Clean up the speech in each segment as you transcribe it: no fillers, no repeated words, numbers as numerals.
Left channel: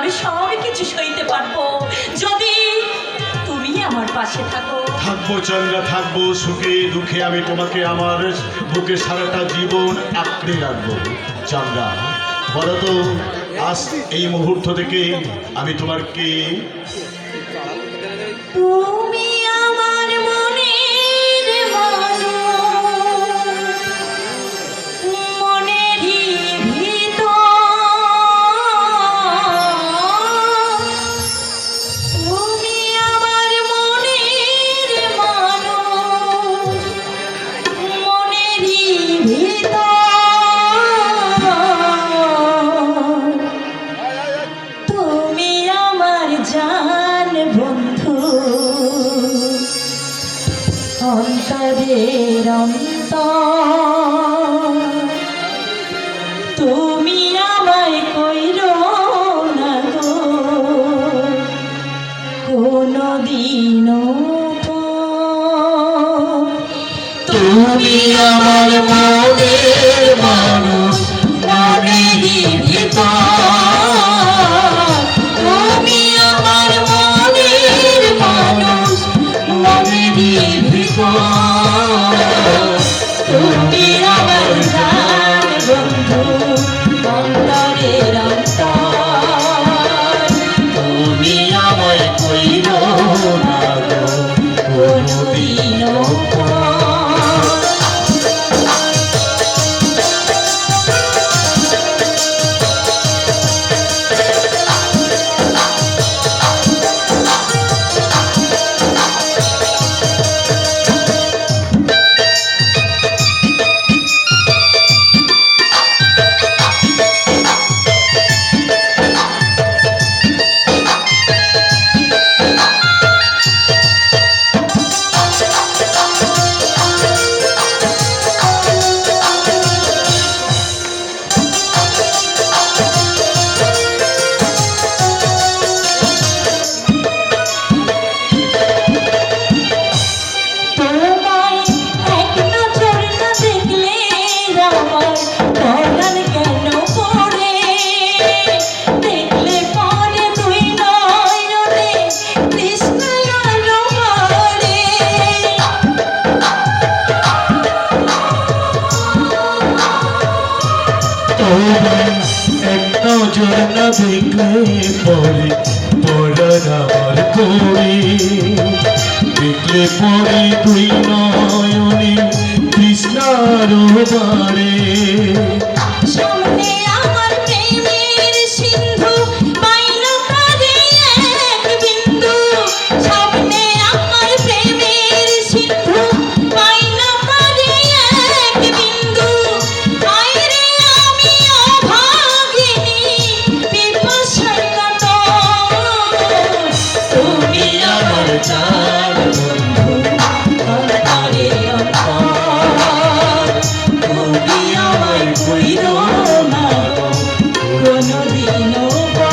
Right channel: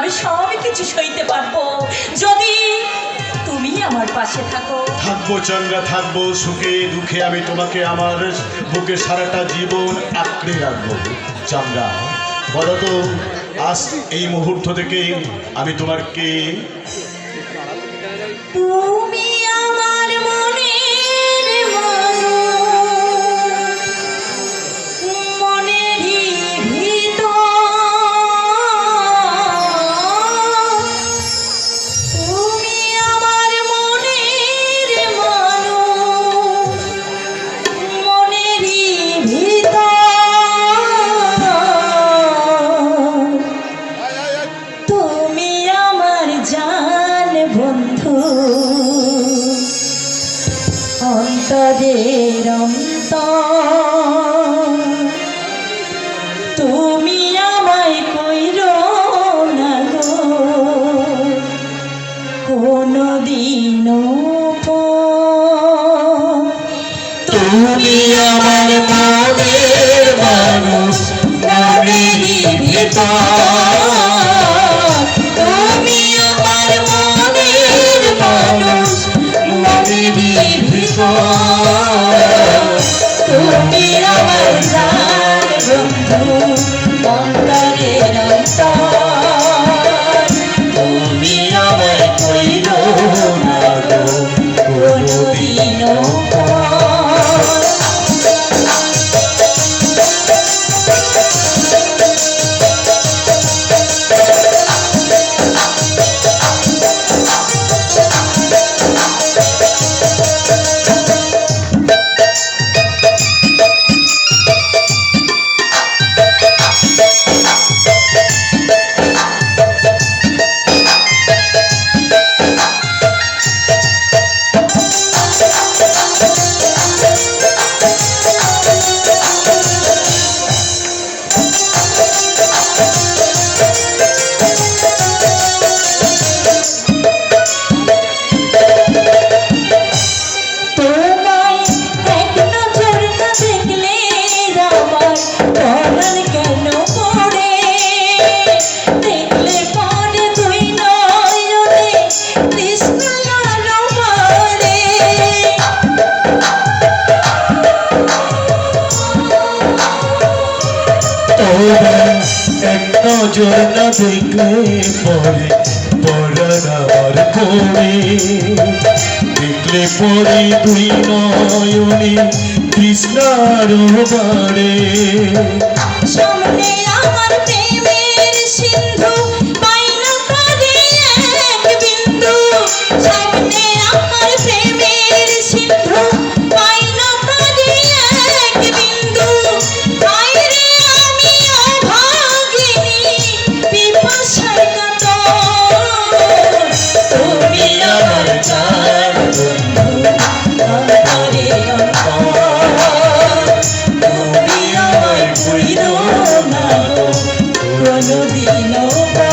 আমি সব কিছু সইতে পারবো যদি তুমি আমার পাশে থাকো। থাকবো চন্দ্রা, থাকবো সুখে দুঃখে, আমি তোমাকে আমার বুকে সারাটা জীবন আঁকড়ে রাখবো। চন্দ্রা, বলো তো আজ এই মুহূর্ত থেকে আমি তোমার কে? তুমি আমার মনের মানুষ, মনেরই ভিতর। তুমি আমার মনের মানুষ, মনেরই ভিতর। তুমি আমার জান বন্ধু, অন্তরের অন্তর। তুমি আমায় কইরো না গো কোনদিনও পর। তুমি আমার মনের মানুষ, মনেরই ভিতর। তুমি আমার মনের মানুষ, মনেরই ভিতর। তুমি আমার জান বন্ধু, অন্তরের অন্তর। তুমি আমায় কইরো না গো কোনদিনও পর। এক নজর না দেখলে পরে পরাণ আমার পড়ে। দেখলে পরে দুই নয়নে তৃষ্ণার বাড়ে। সামনে আমার প্রেমের সিন্ধু, পাইনা তারে এক বিন্দু। সামনে আমার প্রেমের সিন্ধু, পাইনা তারে এক বিন্দু। হায়রে আমি অভাগিনী, পিপাসার কাতর। তুমি আমার জান বন্ধু, অন্তরের অন্তর। তুমি আমায় কইরো না গো কোনদিনও পর।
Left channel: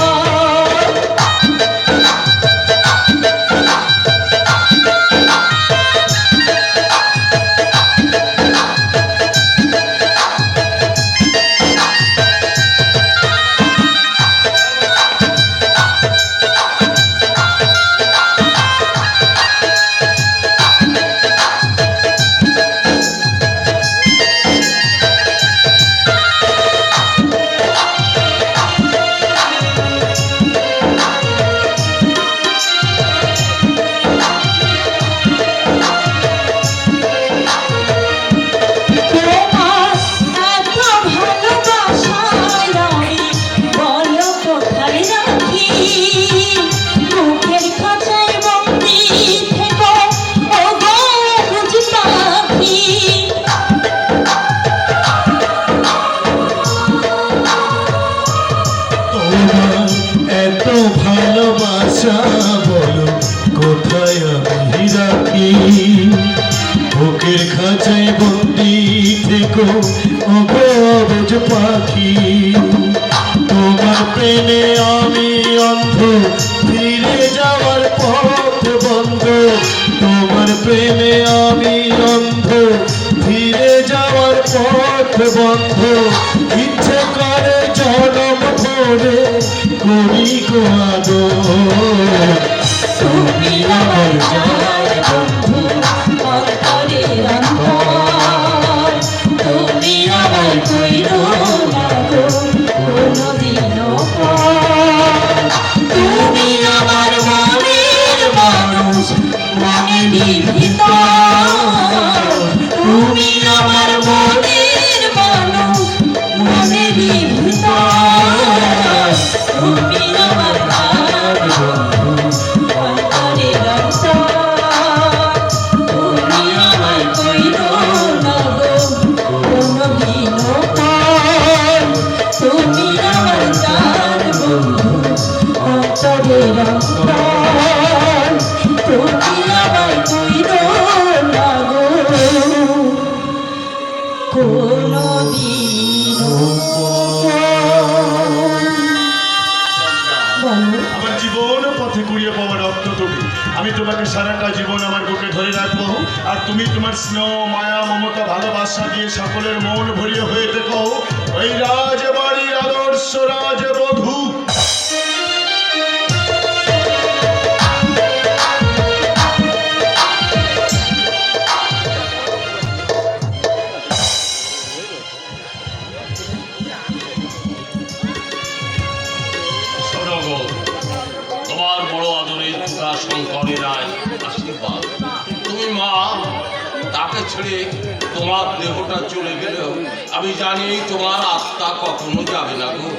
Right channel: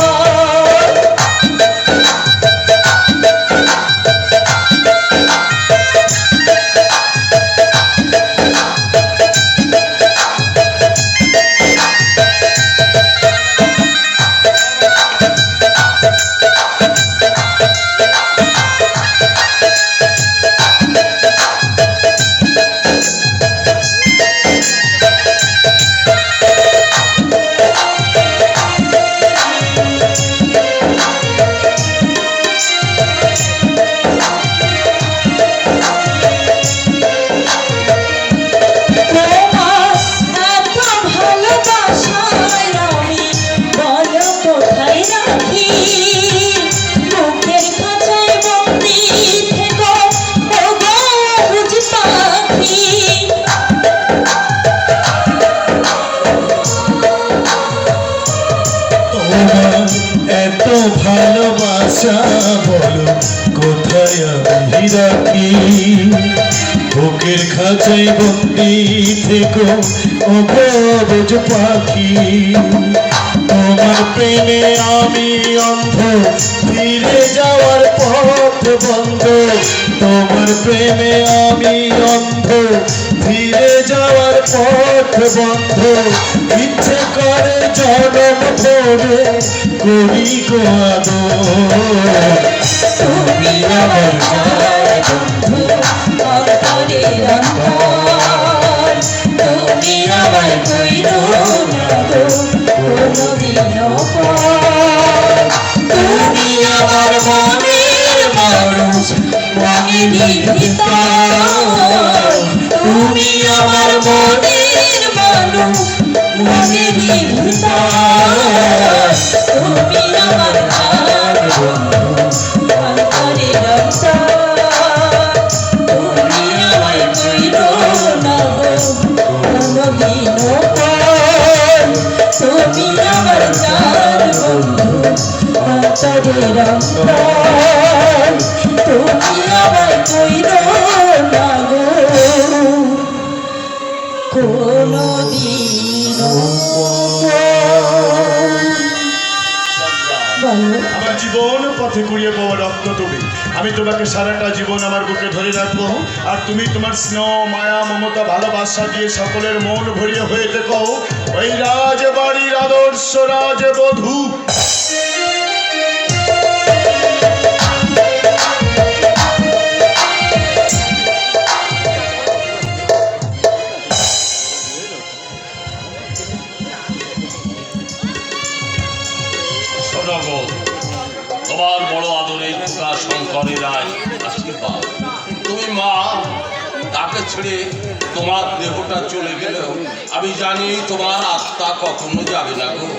ভালোবাসা বলো কোথায় আমি রাখি। বুকের খাঁচায় বন্দি থেকো ও গবজ পাখি। তোমার প্রেমে আমি অন্ধ, ফিরে যাওয়ার পথ বন্ধ। তোমার প্রেমে আমি অন্ধ, ফিরে যাওয়ার পথ বন্ধ। ইচ্ছে করে জনম ভরে করি গো আদর তুমি আমার জান বন্ধু অন্তরের অন্তর তুমি আমায় কইরো না গো কোনদিনও পর। তুমি আমার মনের মানুষ মনের ভিতর তুমি আমার মনের মানুষ মনের ভিতর তুমি আমার জান বন্ধু অন্তরের অন্তর তুমি আমায় কইরো না গো কোনদিনও পর। তুমি আমার জান বন্ধু অন্তরের অন্তর তুমি আমায় কইরো না গো কোনদিনও বলো। আমার জীবন পথে কুড়িয়ে পাওয়া রক্ত তুমি, আমি তোমাকে সারাটা জীবন আমার বুকে ধরে রাখবো। আর তুমি তোমার স্নেহ মায়া মমতা ভালোবাসা দিয়ে সকলের মন ভরিয়ে হয়ে থেকো ওই রাজবাড়ির আদর্শ রাজবধূ। শোনো গো, তোমার বড় আদরের পুরা শঙ্করের রায় আশীর্বাদ। তুমি মা, তাকে ছেড়ে তোমার দেহটা চলে গেলেও আমি জানি তোমার আত্মা কখনো যাবে না গো।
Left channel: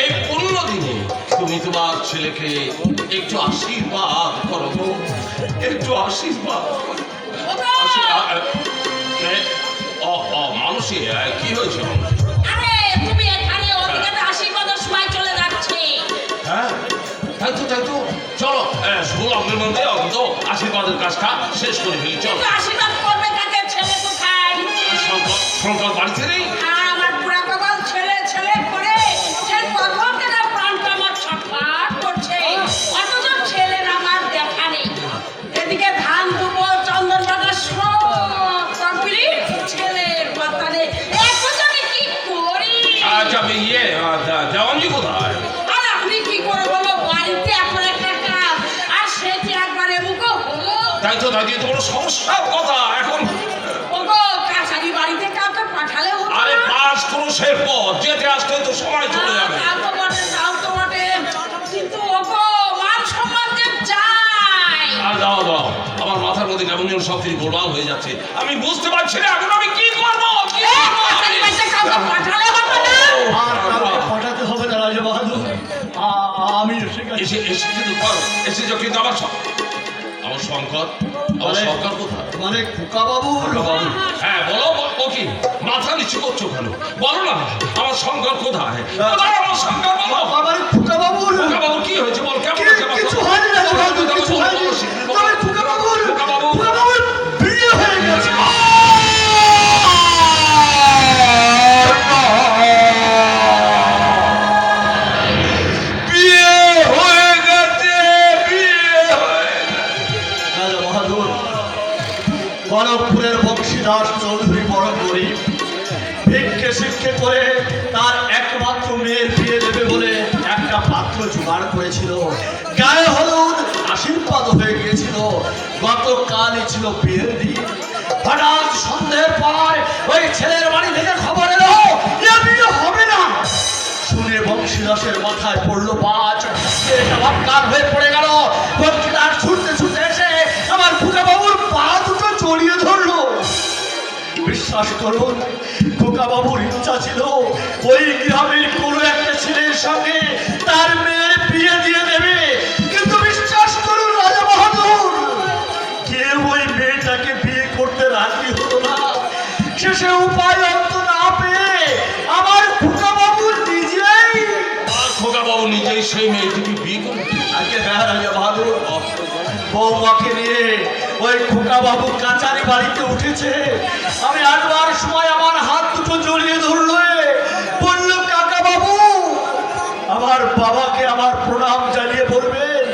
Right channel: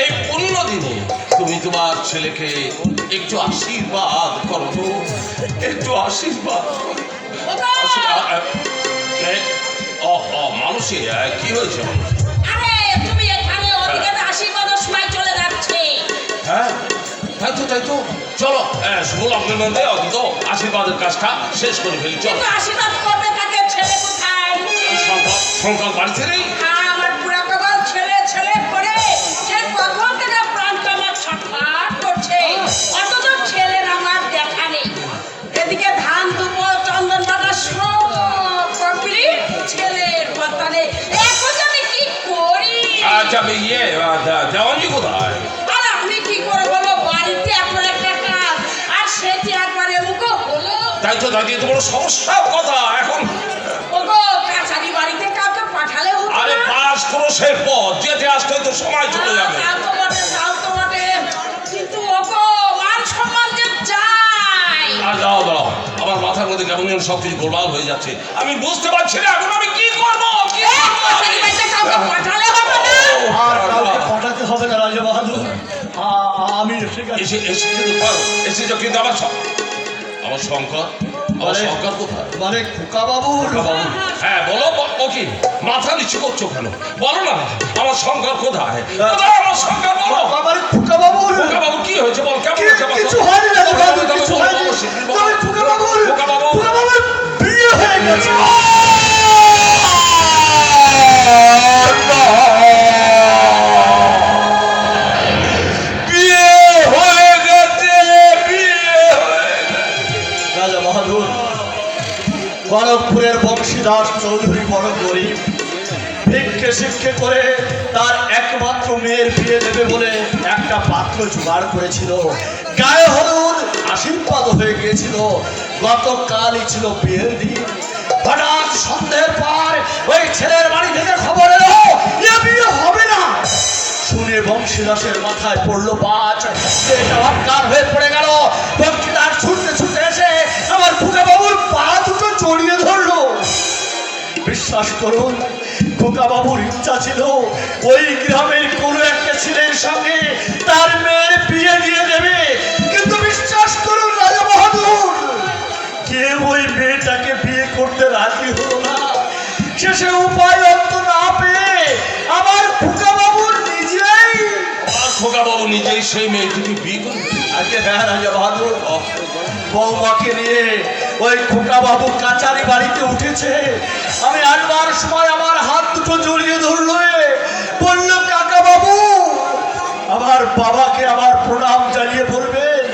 এই 15 দিনে তুমি তোমার ছেলেকে একটু আশীর্বাদ করো গো, একটু আশীর্বাদ করো। মানুষই কি হয়েছে? আরে তুমি এখানে ওদিকে আশীর্বাদের সময় চলে যাচ্ছে। হ্যাঁ তাই তো চলো ষোলকের মধ্যে অন্তত আশীর্বাদের কাজটা শেষ করে ফেলি। চলো। কিন্তু আশীর্বাদ করবে তাকে ছেলে কোথায়? শঙ্কর বাড়িতে নেই। আমার পুরা কপাল ছেলে ছেলে করে সে কখন থেকে প্রাণটা আমার ছটফট করছে, অথচ ছেলের আমার দেখা নেই। এদিকে ধান দুবো চন্দন বাটা সব কমপ্লিট, ছেলের কথা নেই। এখন আমি কি করি? আচ্ছা আমি দেওয়ানি কোথায়? আর আমি কি করে বলো, বাড়িতে এখন একটা কাজ আর সেটি একবারে মুখো হলো। তাই তো দাদি তোমার সমস্যার কথা এখন। ওগো কাছারি বাড়িতে কাউকে পাঠালে হতো আরে না? পাস করো সে পথ যেতে আসতে তো সময় চলে যাবে। তাও তো বটে, কিন্তু ওগো মান সম্মান যে চাই। দাও আমার মাথার মধ্যে কেমন যেন সব কিছু গোলমাল হয়ে যাচ্ছে। আমি বুঝতে পারছি না এখন আমি কি করবো। কাছারি বাড়িতে কাউকে পাঠালে হতো না? আর কাউকে পাঠাতে হবে না রাজবাহাদুর, আমি এসে গেছি। এসে কিন্তু পারো, এসেছো কিন্তু আমার শঙ্কর, আমার শঙ্কর কোথায়? মানে খোকা বাবু, বাবু, হ্যাঁ বলো ও কি মাথা নিচু করছো কেন? বলো না আমার শঙ্কর কোথায়? কোথায় আমার শঙ্কর? বলো আমার খোকা বাবু, খোকা বাবু কি হয়েছে বল, কেমন আছে আমার কিছু শঙ্কর? হয়নি রাজবাহাদুর, কিছু হয়নি। তবে খোকা বাবুর বিয়ে হয়ে গেছে। বিয়ে হয়ে গেছে, বিয়ে হয়ে গেছে। রাজা বাহাদুর, গণকপুরের বংশীদাস চৌধুরী বড় গরিব, ভিক্ষে শিক্ষে করে তার একমাত্র মেয়ের বিয়ে দেবে বলে একটা পাত্র জোগাড় করেছিল। গায়ে হলুদ আশীর্বাদ হয়ে গিয়েছিল। গতকালই ছিল বিয়ের দিন। হঠাৎ সন্ধ্যের পর ওই ছেলের বাড়ি থেকে খবর এলো যে বিয়ে হবে না। শুনে বংশীদাসের মাথায় পড়লো বাজ, এটা অজ্ঞান হয়ে পড়ে গেল। বংশীদাস ছুটতে ছুটতে এসে আমার খোকা বাবুর পা দুটো জড়িয়ে ধরলো। বিশ্বাস করুন, খোকা বাবুর ইচ্ছা ছিল ওই গ্রামের কোনো একটা ছেলের সঙ্গে তার মেয়ের বিয়ে দিয়ে দেবে, কিন্তু বিশ্বাস করুন রাজা বাহাদুর, কেউ ওই মেয়েটাকে বিয়ে করতে রাজি হলো না। শেষে উপায় অন্ত না পেয়ে আমার খোকা বাবু নিজেই খোকা বাবু নিজেই সেই মেয়েটিকে বিয়ে করে। আজকে হ্যাঁ রাজা বাহাদুর, বৌমাকে নিয়ে ওই খোকা বাবু কাচারি বাড়িতে উঠেছে। আমি আনবার সময় আমার হাত দুটো জড়িয়ে ধরলো, বলল কাকা বাবু আমার বাবাকে আমার প্রণাম জানিয়ে বলবেন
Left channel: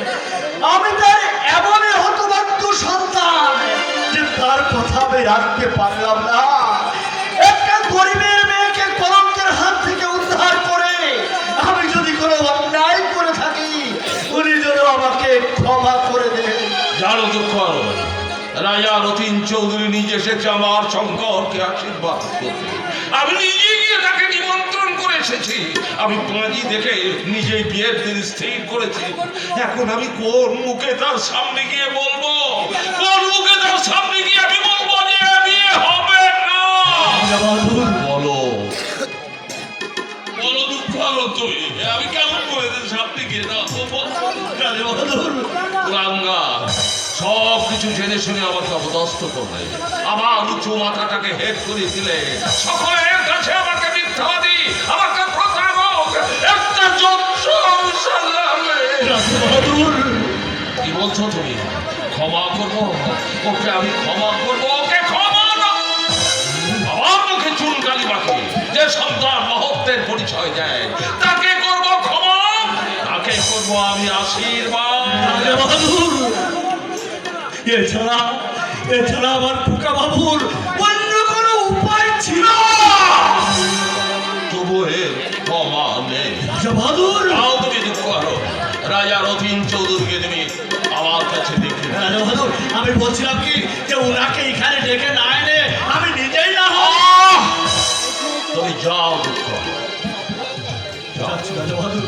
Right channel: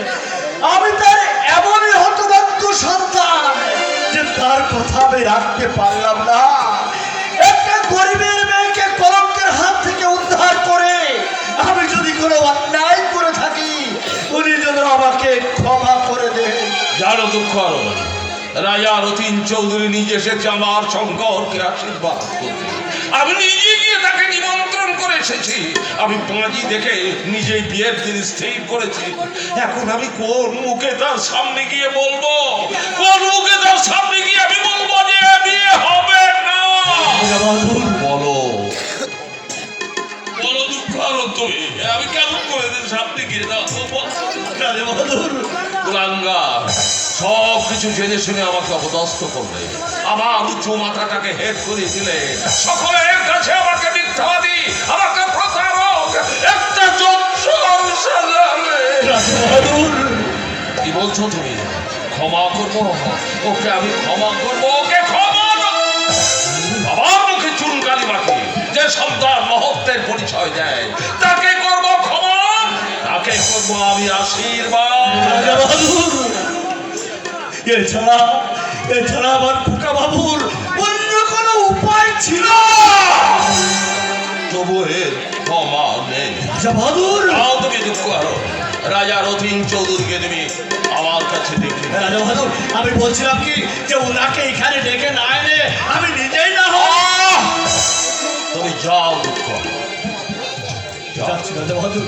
আমি তার এমনই হতভাগ্য সন্তান যে তার কথা আমি রাখতে পারলাম না। একটা গরিবের মেয়েকে কলঙ্কের হাত থেকে উদ্ধার করে আমি যদি কোনো অন্যায় করে আরো দুঃখ আরো রাজা রতিন চৌধুরী নিজে এসেছে আমার শঙ্করকে আশীর্বাদ করতে। আমি নিজে গিয়ে তাকে নিমন্ত্রণ করে এসেছি। আমি পাঁজি দেখে নিজেই বিয়ের দিন স্থির করেছি। এখন আমি কোন মুখে তার সামনে গিয়ে বলবো, কোন মুখে তার সামনে গিয়ে আমি বলবো যে বিয়ে হবে না? বলো বলো দুঃখ আলো তুমি, আমি কেমন করে সামনে গিয়ে সব কিছু জেনে শুনে আমাকে অপদস্থ করলে, আমার উঁচু মাথাটাকে হেট করে দিলে, সকলের কাছে আমাকে মিথ্যাবাদী, আমাকে প্রতারক, একটা কি বলছো তুমি? ক্ষমা করবো ওকে? আমি ক্ষমা করবো ওকে? ক্ষমা না, আমার মুখে চুনকালি মাখি যে সন্তান মহত্বের পরিচয় দেয় তাকে করবো ক্ষমা, তাকে করবো আমি আশীর্বাদ। এছাড়া আমার খোকা বাবুর অন্য কোনো উপায় ছিল না। তবু এ ক্ষমা নেই। বাহাদুর, তাও তুমি দুঃখ আরো রাজা রতিন চৌধুরীকে তুমি আমার কাছে দেখে। রাজা বাহাদুর, আমি বলছিলাম কি যে ওনাকে এখানে ডেকে না এনে আমি নিজেই না হই। তুমি যাও দুঃখ। যাচ্ছি রাজা বাহাদুর।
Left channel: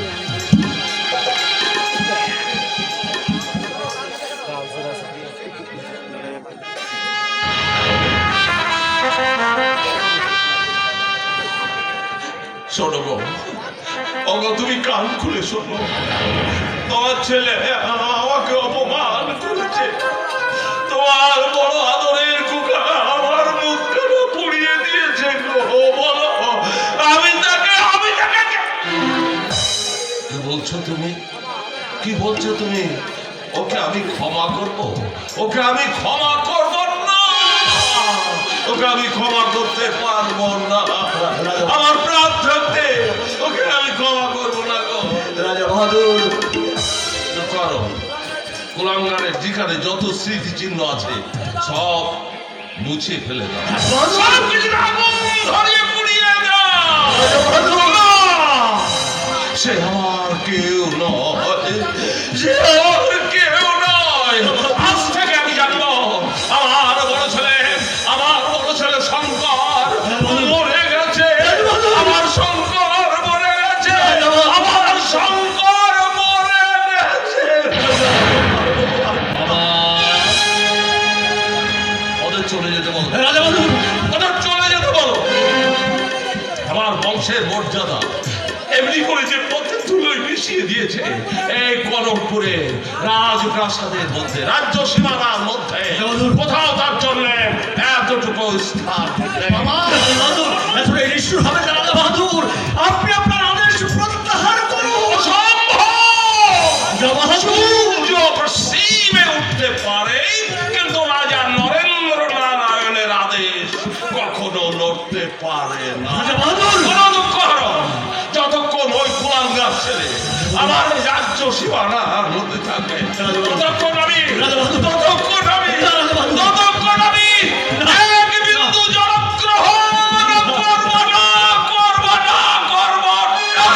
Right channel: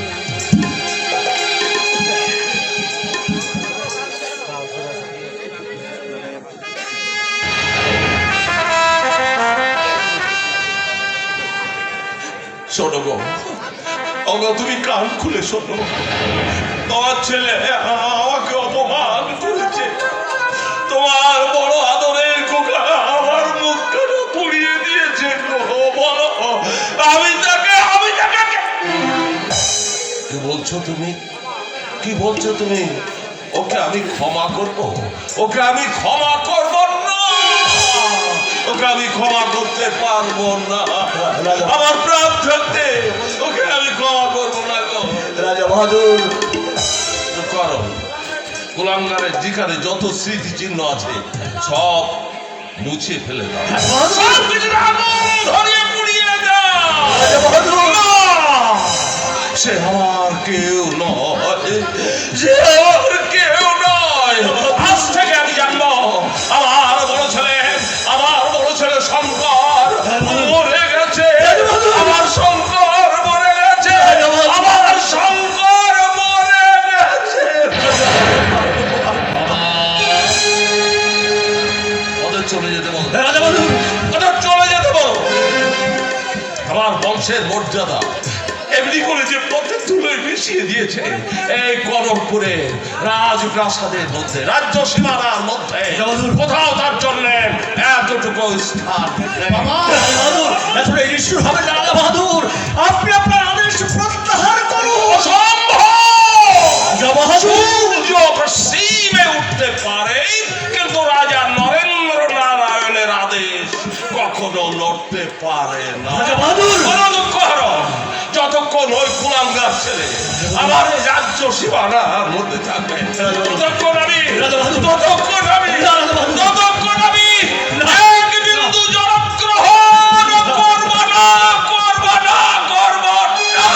শোনো গো, তুমি কান খুলে শোনো। তোমার ছেলে আমাকে অপমান করেছে। তোমার বড় আদরের খোকা আমার মুখখানা পুড়িয়ে দিয়েছে গো। বলো আমি তাকে কি বলছো তুমি? কি বলছো তুমি? ওকে আমি ক্ষমা করব? ওকে আমি ক্ষমা করব না, ওকে আমি ক্ষমা করতে পারবো না। আমার প্রাণ থাকতে ওকে আমি ক্ষমা করবো না গো। রাজা বাহাদুর, করো কুলাঙ্গারের যেখানে যত স্মৃতি চিহ্ন আছে সব মুছে ফেলে দাও, সব কিছু আগুন ধরিয়ে পুড়িয়ে দাও। রাজা বাহাদুর, সে আমার কেউ নয়, সে আমার কেউ নয়। আজ থেকে আমি জানবো আমার বড় ছেলে শঙ্কর মরে গেছে। আমার শঙ্কর মরে গেছে, আমার শঙ্কর মরে গেছে। ওদের চলে যেতে বলো, রাজা বাহাদুর, ওদের চলে যেতে বলো। আমার বংশের মর্যাদা এমনি করে যে পথে তুলোয় মিশিয়ে দিয়েছে এই কনকপুরে রাজপ্রাসাদের মধ্যে, রাজ্য সীমানার মধ্যে কোথাও তার জন্য এতটুকু স্থান নেই। রাজা বাহাদুর, এত নিষ্ঠুর হবে না রাজা বাহাদুর। আপনি আপনার আদেশ প্রত্যাহার করুন। অসম্ভব! রাজা বাহাদুর, সূর্য পশ্চিমে উঠতে পারে কিন্তু রাজা নরেন্দ্র নারায়ণের আদেশ কখনো লড়তে পারে না। রাজা বাহাদুর, কোনো দুঃখ হলো যতক্ষণ ওই কুলাঙ্গার ছেলে আমার রাজ্য সীমানার মধ্যে থাকবে ততক্ষণ আমি এক বিন্দু জলগ্রহণ করব না, করব না, করব না।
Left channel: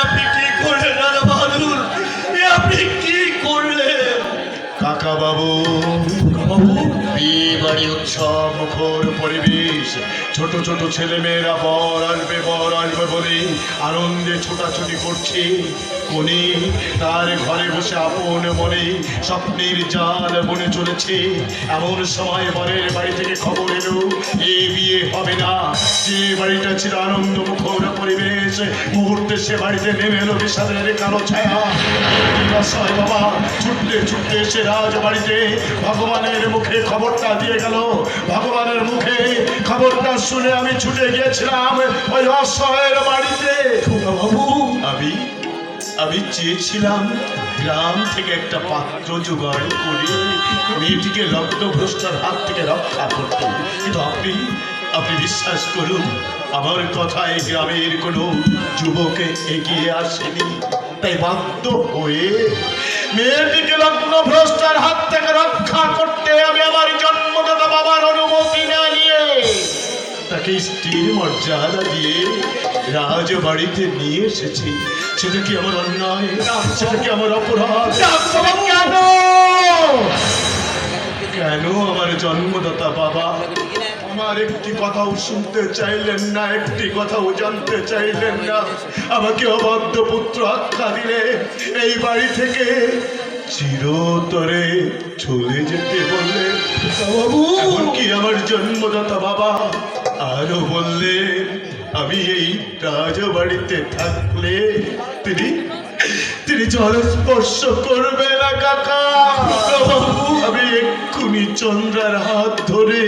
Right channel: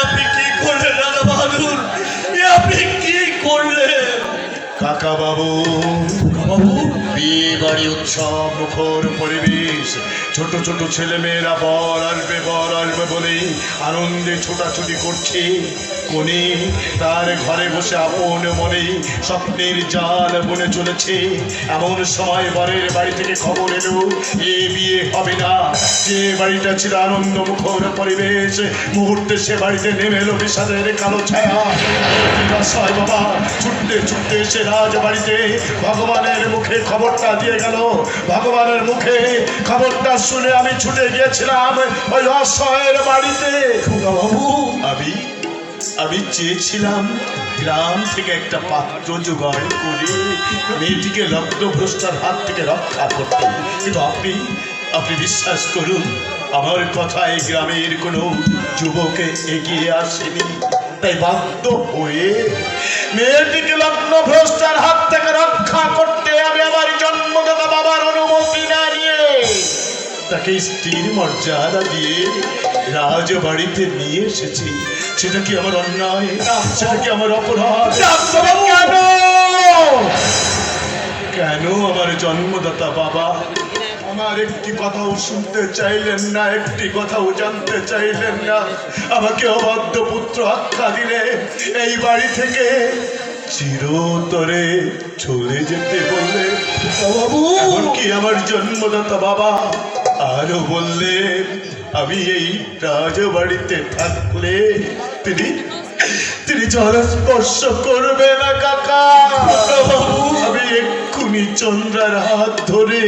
আপনি কি করলেন রাজা বাহাদুর? আপনি কি করলেন? কাকা বাবু, বিয়ে বাড়ি উৎসব মুখর পরিবেশ, ছোট ছোট ছেলে মেয়েরা বর আসবে বলে আনন্দে ছোটাছুটি করছে। কোনি তার ঘরে বসে আপন মনে স্বপ্নের জাল বনে চলেছে। এমন সময় বরের বাড়ি থেকে খবর এলো এ বিয়ে হবে না। যে বাড়িটা ছিল আনন্দ মুখর পরিবেশ, মুহূর্তে সে বাড়িতে নেমে এলো বিষাদের কালো ছায়া। বাবা ছুটতে ছুটতে এসে রাজবাড়িতে ভগবানের মুখে খবরটা দিয়ে গেল। ভগবানের মুখে খবরটা শুনে আমি ছুটে গিয়েছিলাম ওই অসহায়ের বাড়িতে। বাবু, আমি চেয়েছিলাম গ্রাম থেকে একটা পাত্র জোগাড় করে মেয়েটিকে লগ্নভ্রষ্টার হাত থেকে রক্ষা করতে, কিন্তু আপনি বিশ্বাস করুন আমার কথায় গ্রামের কোনো যুবকে এগিয়ে আসেনি। তাই বাধ্য হয়ে মেয়েটিকে লগ্নভ্রষ্টার হাত থেকে রক্ষা করতে আমি আমার জন্মদাতা বাবার অনুমতি না নিয়ে তা তাকে স্ত্রীর মর্যাদা দিয়ে রাজবাড়িতে নিয়ে এসেছি, সেটা কি আমার অন্যায়? সেটা কি আমার অপরাধ? কেন কেন আমার জন্মদাতা বাবা আমার একটি কথাও শুনতে চাইলেন না, একটি কথাও জানতে চাইলেন না? আমাকে অবাধ্য পুত্র আখ্যা দিলে, এই বাড়ি থেকে চিরতরে চলে যেতে বললে বাবু। কি আমার জন্মদাতা বাবা আরো বললে আমি এই রাজবাড়িতে থাকলে তিনি জল স্পর্শ করবে না কাকা। আমি এক্ষুনি চন্দ্রার হাত ধরে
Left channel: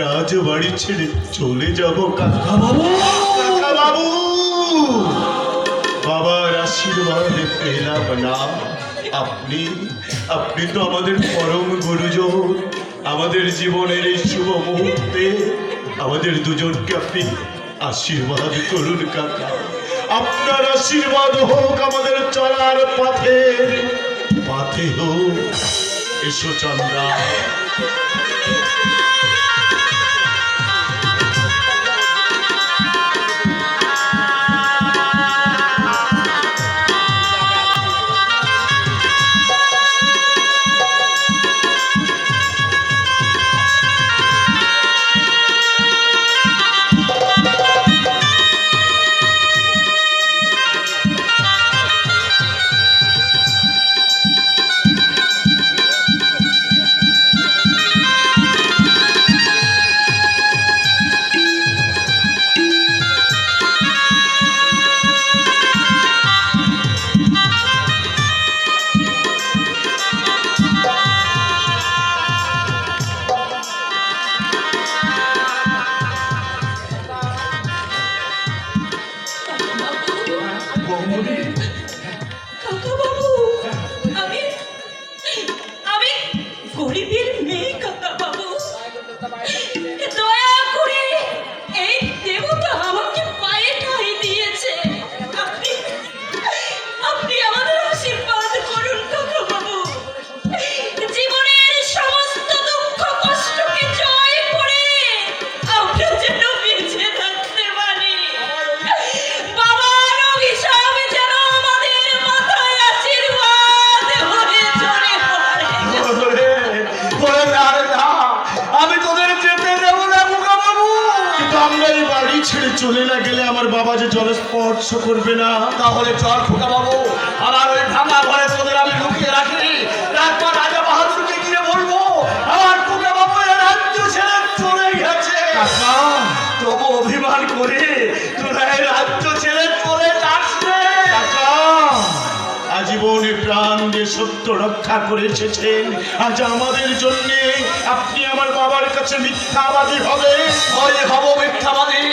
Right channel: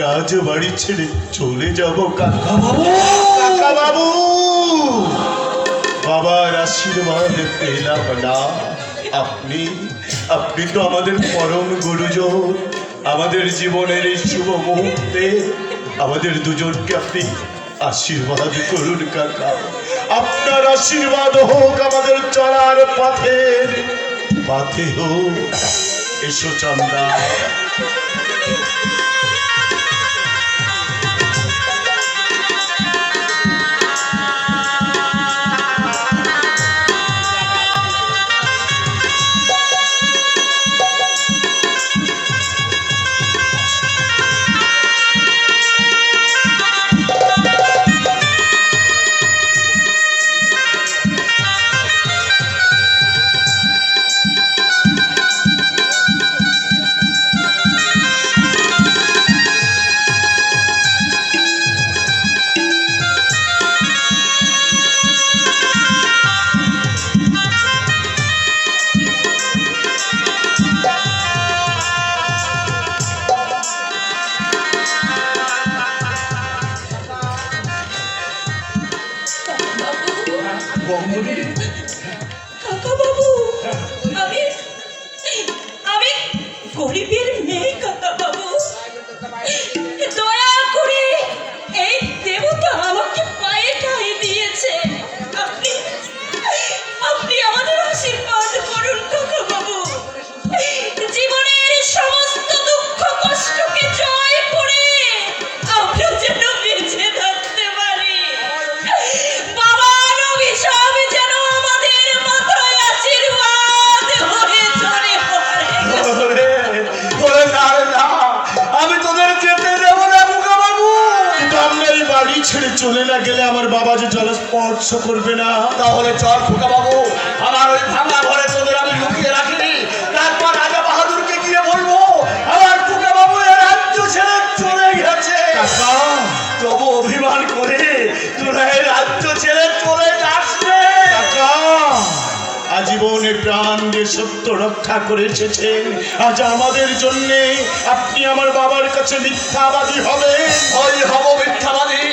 রাজবাড়ি ছেড়ে চলে যাব কাকা বাবু। কাকা বাবু, বাবার আশীর্বাদ পেলাম না। আপনি তো আমাদের পরম গুরুজন। আমাদের জীবনের এই শুভ মুহূর্তে আমাদের দুজনকে আপনি আশীর্বাদ করুন কাকা। আপনার আশীর্বাদ হোক আমাদের চলার পথে হোক। এসো চন্দ্রা। কাকাবাবু, আমি গরিবের মেয়ে কাকাবাবু। দয়া করে এই দেবতা আমাকে পায়ে ঠাঁই দিয়েছে। আপনি আমাদের আশীর্বাদ করুন কাকাবাবু। জীবনের সমস্ত দুঃখ কষ্টকে জয় করে আমরা যেন বেঁচে থাকতে পারি। বাবার অভিশাপ যেন আমাদের মাথায় আশীর্বাদ হয়ে চলে পড়ে। আমি তোদের যেতে দেবো না বাবু। আমরা এই বাড়ি ছেড়ে চলে না গেলে আমার বাবা যে জল স্পর্শ করবে না। তাহলে চল খোকা বাবু, আমার ওই ভাঙা ঘরে তোদের আমি লুকিয়ে রাখিনি। তারপর রাজা বাহাদুরকে গিয়ে বলবো আমার খোকা বাবু এ রাজ্য ছেড়ে চলে গেছে। কাকা, তবু অভিমান করে তোরা এই রাজ্য ছেড়ে চলে যাস রে। কাকা, আজীবনে প্রাণ যে সত্য রক্ষা করে এসেছেন, আজ আমাদের জন্য আপনি আমার বাবার কাছে মিথ্যাবাদী হবে। ওই হব মিথ্যাবাদী,